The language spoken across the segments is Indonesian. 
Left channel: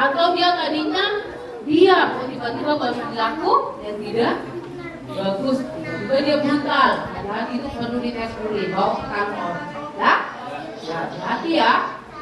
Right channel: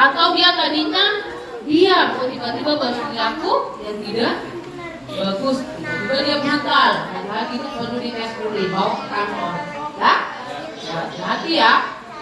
Atau dia tadinya diam, tiba-tiba berperilaku yang tidak bagus, tiba-tiba dia brutal. Hati-hati itu perlu dites dulu, bawa ke kantor. Ya, hati-hati ya.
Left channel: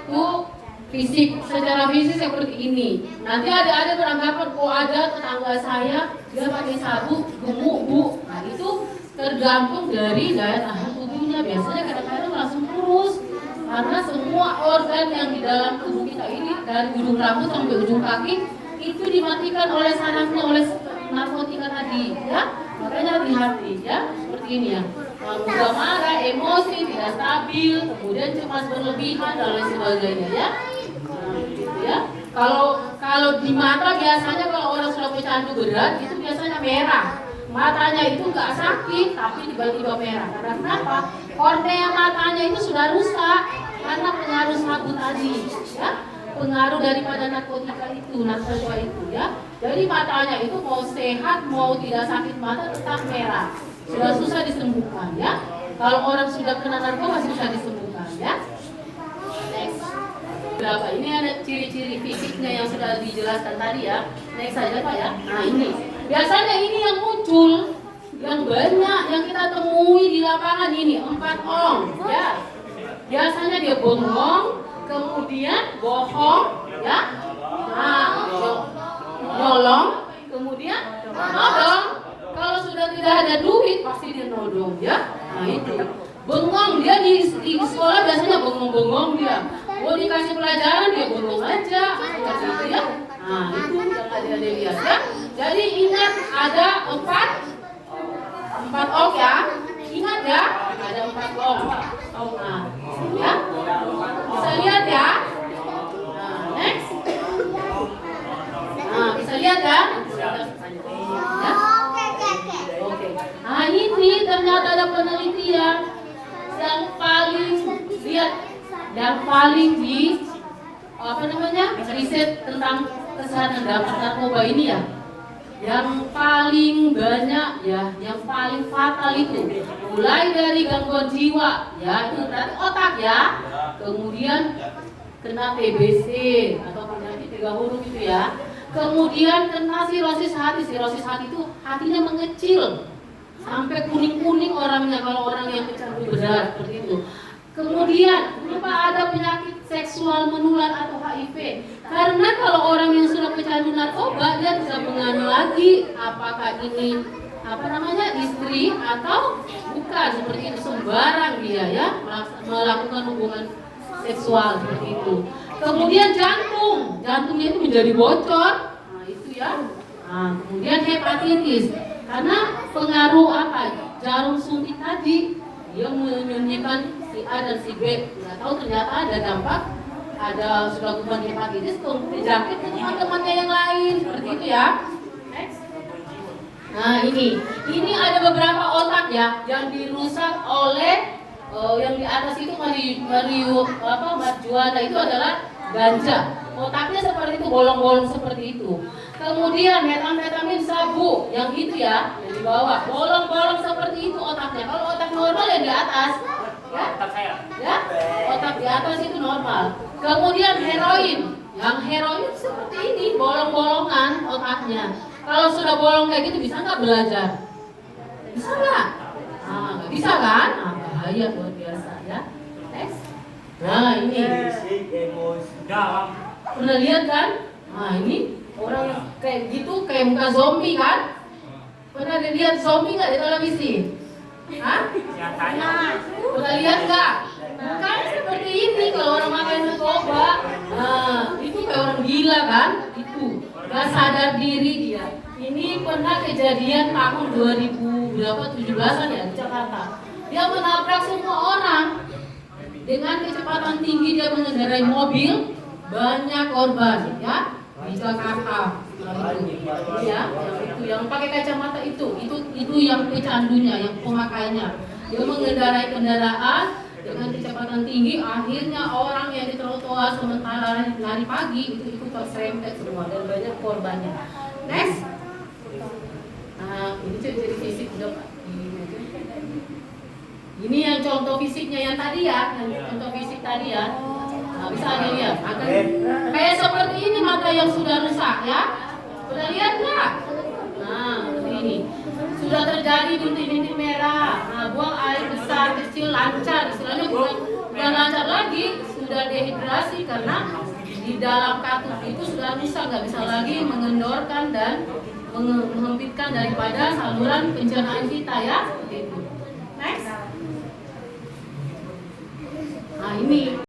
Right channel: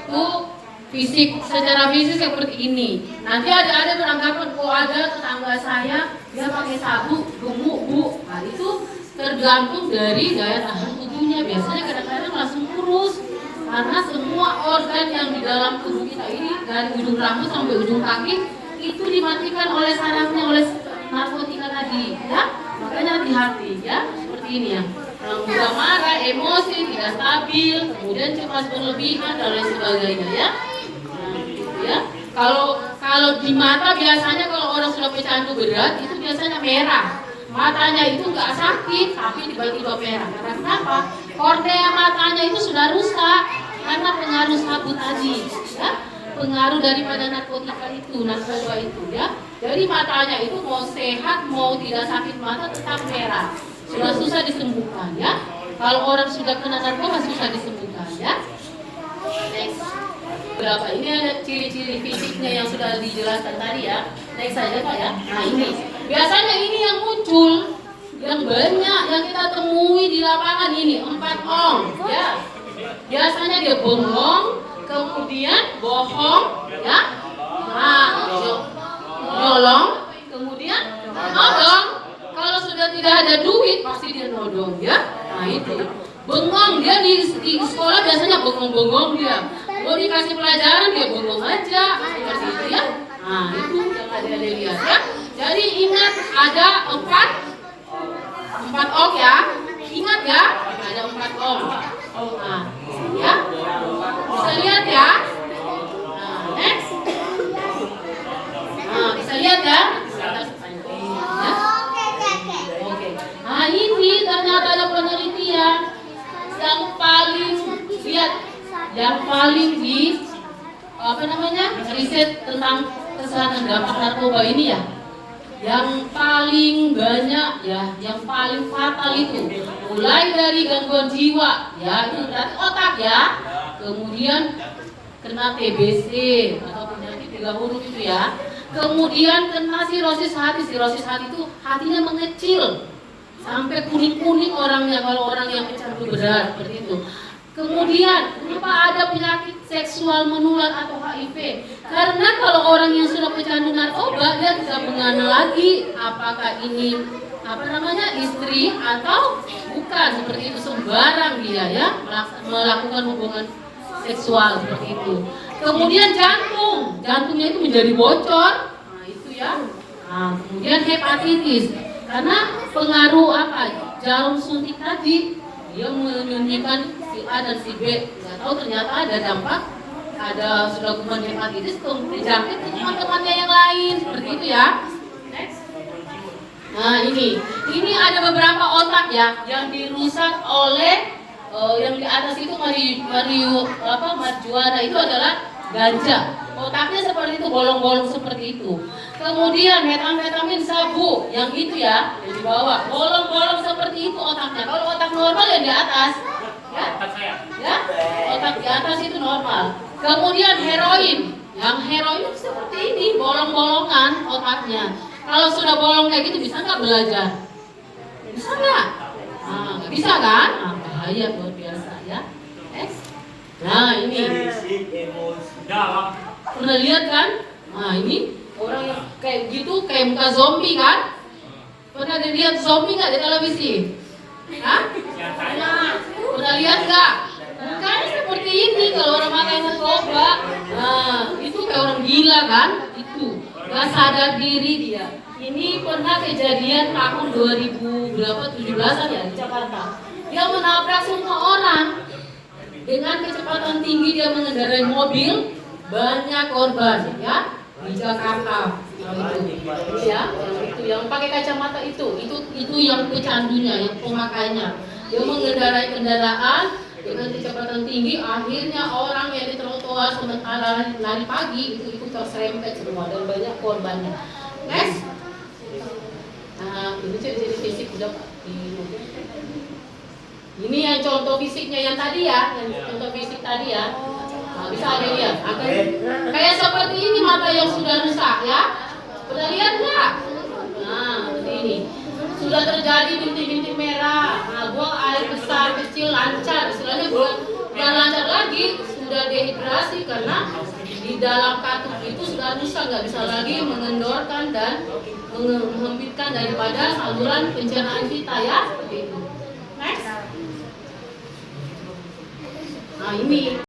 Itu fisik, secara fisik seperti ini. Nanti ada beranggapan, oh ada tetangga saya dia pakai sabuk gemuk bu. Nah itu tergantung dari daya tahan tubuhnya. Biasanya kadang-kadang langsung kurus. Karena semua organ yang di dalam tubuh kita ini, dari ujung rambut sampai ujung kaki, itu dimatikan oleh sarafnya, oleh narkotika tadi, ya. Makanya hati-hati, ya. Seperti ini ya. Mudah marah, emosi, tidak stabil, kemudian cemas berlebihan dan lain sebagainya, ya. Nah, gitu ya. Kalau di mata biasanya kalau orang sudah pecandu berat itu biasanya merah. Matanya itu nggak sakit, tapi tiba-tiba merah. Karena kenapa? Kornea matanya itu sudah rusak karena pengaruh sabu tadi, ya. Pengaruh daripada narkotika itu, narkoba itu, ya. Jadi matanya itu mau sehat, mau tidak sakit mata tetap merah. Sudah susah disembuhkan, ya. Kalau orang sudah kena narkoba susah disembuhkan, ya. Next. Berapa? Ini ada ciri-ciri fisiknya yang sudah dijelaskan tadi, ya. Next saja Pak ya. Nah ini. Biasanya ini yang muncul, yang banyak yang kita temui di lapangan ini 4 ong, ya. Biasanya dia bengong, kemudian bohong, ya. Nah, nyolong, kemudian nodong. Kalau sudah tidak ada duit pasti dia nodong, ya. Nah itu. Bengong dia di sekolah biasanya bengong-bengong dia. Mau dikasih pelajaran dia bengong aja, seperti itu ya. Nah itu yang ada lihat ya. Jadi ingat ada 4 ong ya. Ingat ya, ada 4 ong. Nah, ya. Bisa lihat ya. Nah, next. Nah, bisa lihat ya. Oke. Nah, ini ternyata ada penelitian yang paling di riset tentang kesehatan dampak narkoba ini ya. Yang paling banyak ya, yang paling fatal itu mulai dari gangguan jiwa ya, itu berarti otak ya, kemudian kena TBC atau penyakit 3 huruf itu ya, kemudian kena sirosis hati itu hatinya mengecil sampai kuning-kuning orangnya kalau orang yang pecandu berat seperti itu. Kemudian, kenapa ada penyakit seksual menular atau HIV? Karena kalau orang yang sudah pecandu narkoba, dia tidak mengenal lagi apakah ini istri atau bukan, seperti itu sembarang dia ya melakukan hubungan seksual seperti itu. Kemudian jantungnya itu menjadi bocor, nah itu ya. Nah, kemudian hepatitis, karena pengaruh jarum suntik tadi. Dia menyuntikkan si A dan si B, nggak tahu ternyata ada dampak, ada sudah kuman hepatitis, kemudian jangkit ke teman-temannya yang lain, seperti itu ya. Next. Nah ini ada beberapa otak ya yang dirusak oleh yang di atas itu marijuana itu adalah ganja. Otaknya seperti itu, bolong-bolong seperti itu. Kemudian metamfetamin sabu yang itu ya, yang di bawah, bolong-bolong seperti itu otaknya. Kalau otak normal yang di atas, ya, otak di atas itu normal. Kemudian heroin, yang heroin seperti ini, bolong-bolongan otaknya. Kalau sudah bolong kayak gitu bisa nggak belajar? Bisa nggak? Nah, bisa kan? Nah, bahaya buat biasa ya. Next. Nah ini. Pernah lihat kan? Nah ini orang yang kayak gitu, kayak muka zombie kan? Pernah lihat zombie nggak di televisi? Hah? Pernah lihat nggak? Bukan seperti ini kalau orang makan narkoba. Nah itu kayak orang gila kan? Itu nggak sadar diri dia. Ini pernah kejadian tahun 2017-an ya di Jakarta. Dia menabrak semua orang dengan kecepatan tinggi, dia mengendarai mobil. Banyak korban ya di Jakarta. Nah, itu ya, yang pakai kacamata itu yang pecandunya, yang pemakainya. Dia mengendarai kendaraan dengan kecepatan tinggi, akhirnya orang yang di trotoar sementara lari pagi itu terserempet semua dan banyak korbannya. Next. Nah, ini jadi fisik udah Pak. Ini yang contoh fisiknya yang tadi ya, yang contoh fisik tadi ya. Nah, bisa dilihat, kayak seperti ini mata yang ya? Pernah lihat nggak? Nah, ini sudah terjadi bintik-bintik merah. Nah, buang air besar kecil lancar. Istilahnya bukan lancar lagi, sudah dehidrasi karena di dalam katup itu sudah rusak, nggak bisa lagi mengendorkan dan menghempitkan daripada saluran pencernaan kita ya. Seperti itu. Next. Nah ini.